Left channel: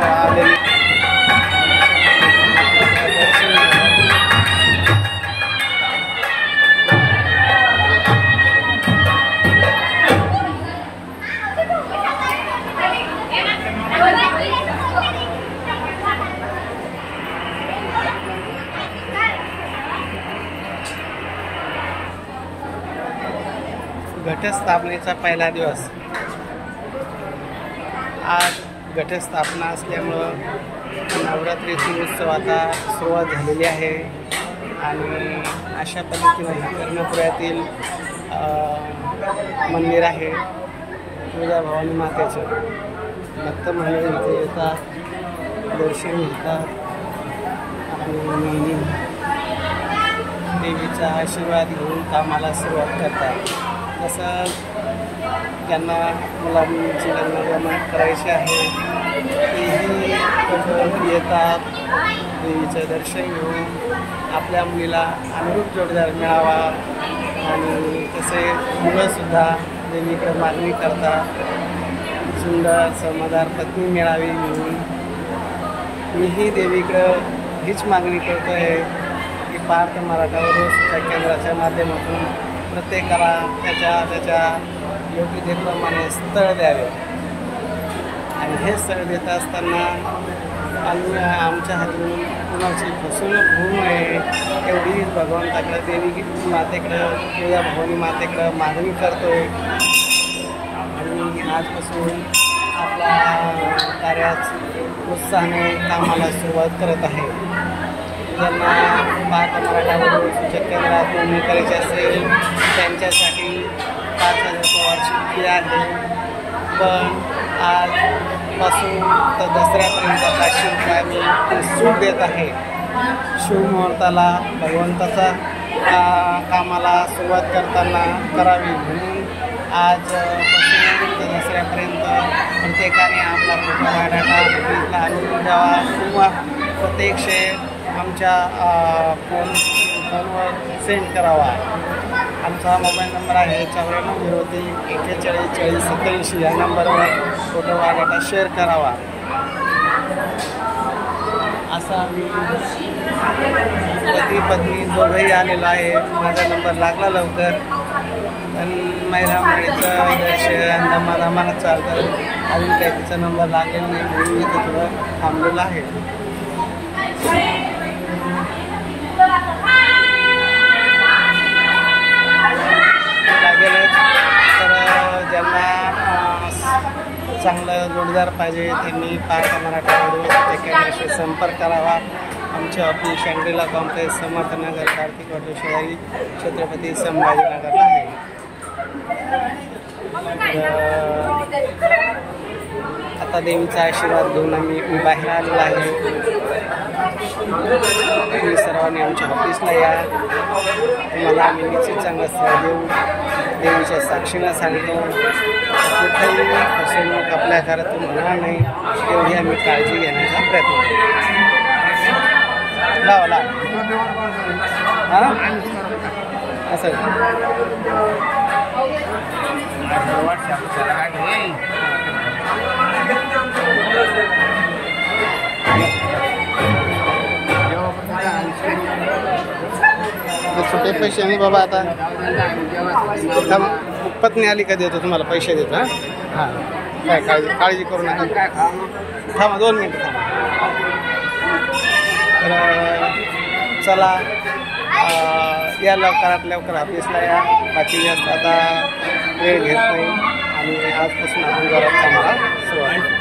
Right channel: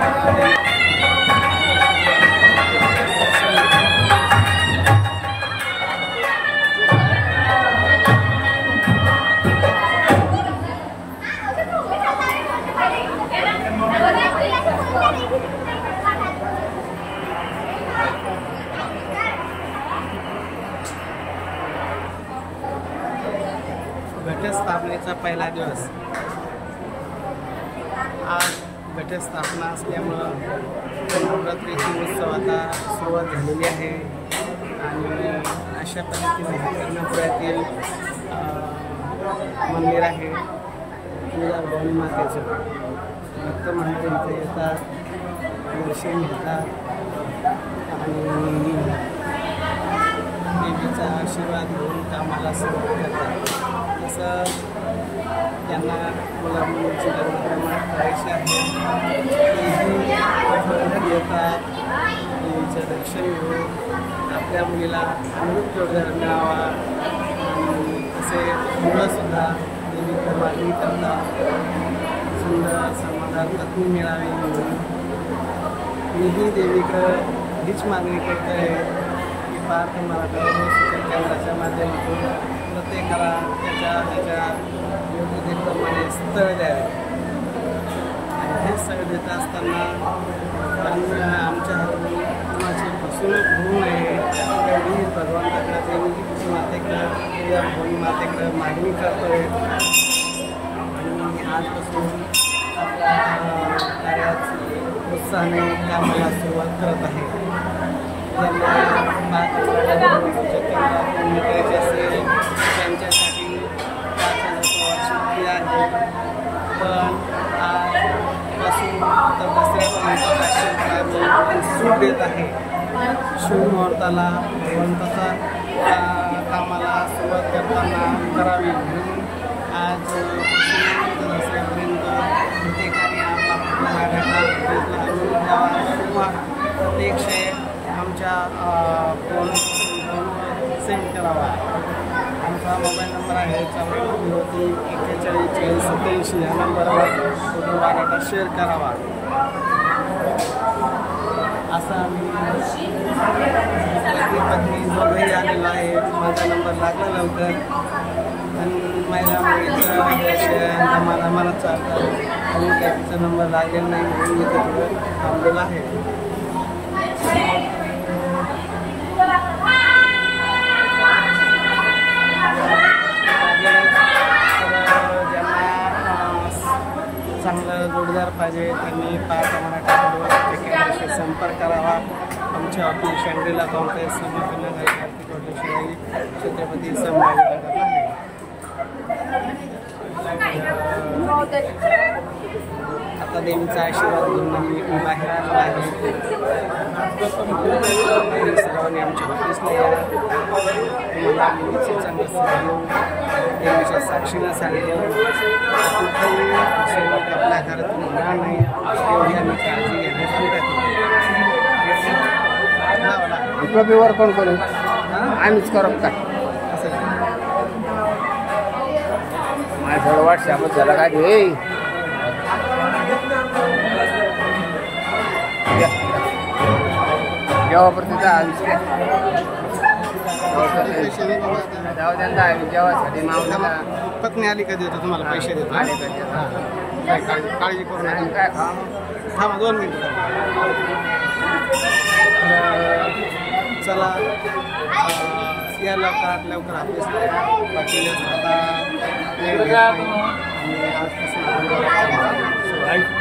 आलेले घटस्थापनेचा पहिला दिवस। आज घटस्थापना असल्यामुळं नवरात्रीची उत्सव आता सुरुवात झालेली आहे आणि अशा पद्धतीने कर्णपुऱ्यातील मंदिर आहे तुळजाभवानी मातेचं। भक्त मंडळी इथे येतात, दर्शन घेतात आणि देवीचा आशीर्वाद घेऊन कामाला सुरुवात करतात। तसं ज्यांना मुला मुलींची लग्न करायची आहे तेही येतात, देवीचं दर्शन घेऊन आपल्या मुलीला अनुरूप जोडीदार मिळावा आणि तसे मुलंसुद्धा देवीकडे मागणी करतात, सुंदर समजदार पत्नी मिळावी म्हणून। मीही देवीकडं हीच मागणी करतो आहे की पार्थ मराठा उरुसच्या केंद्राच्या माध्यमातून प्रत्येकाला त्याच्या योग्यतेप्रमाणे स्थळ द्यावे आणि हे स्थळ देत असताना आमच्या हातून कुणाची फसवणूक होऊ नये एवढीच भगवंताकडं देवी मातेकडं तुळजाभवानी मातेकडं मागणी करतोय आणि आजपासून आपल्या कार्यात उत्साहाने कामाला सुरुवात करत आहे। ज्यांना पार्थ मराठा उरुसच्या केंद्रात नोंदणी करायची असेल त्यांच्यासाठी 5,000 रुपये वार्षिक फी आहे, पण आजपासून तर दसऱ्यापर्यंत 500 रुपये आम्ही सूट देत आहे। शुभमुहूर्ताला भगवंताचा कामाला सुरुवात करताना करावी म्हणून आजपासून तर दसऱ्यापर्यंत प्रत्येकाने आपला फोटो बायोडाटा इथला आणून द्यावा किंवा प्रत्यक्ष आमच्या फोनवर सेंड करावा। आमचा मोबाईल नंबर आहे 9403 41 40 87 या नंबरवर फोटो बायोडाटा शेअर करावा। असा आम्ही पती पत्नी दोघंही आलेलो आहे। माझा नंबर लागला लवकर, पण महिला मुलीचं दर्शन दमादमानं चालतं, अजून काही तिचा नंबर लागलेला नाही म्हणून इथं थोडं थांबलेलं आहे। लागेलच तर ज्यांना चांगलं जोडीदार पाहिजे त्यांनी पार्थ मराठा उरुसच्या केंद्राशी संपर्क करावा। आमचे office Shangrila complex Samarthnagar Kartik hotel शेजारी छत्रपती संभाजीनगरला आहे। आता देवीचा आशीर्वाद घेऊन मी बाहेर आलेलो आहे। तुम्ही सर्वांनी आमच्या ऑफिसला या, तुम्हाला आम्ही निश्चित चांगलं सेवा देऊ। देवीच्या साक्षीनं सांगतो कुठेही फसवणूक आपल्या घरातून होणार नाही एवढी आम्ही काळजी घेण्याचा प्रयत्न करू। लावा वर कोण करू आम्हीच करू का असं व्हॉट्सअप झाला का घे छोटे पैसे नाही बाबा। आता पत्नी आली का देतो तुम्हाला पैसे देतो। हां काय काळजी करू नका। थांबा 2 मिनिटं थांबा। तर चला या लवकरात लवकर ऑफिसला या, बाकी जास्त आता वेळ घेत नाही आणि आजपासून आपण घरात कामाला सुरुवात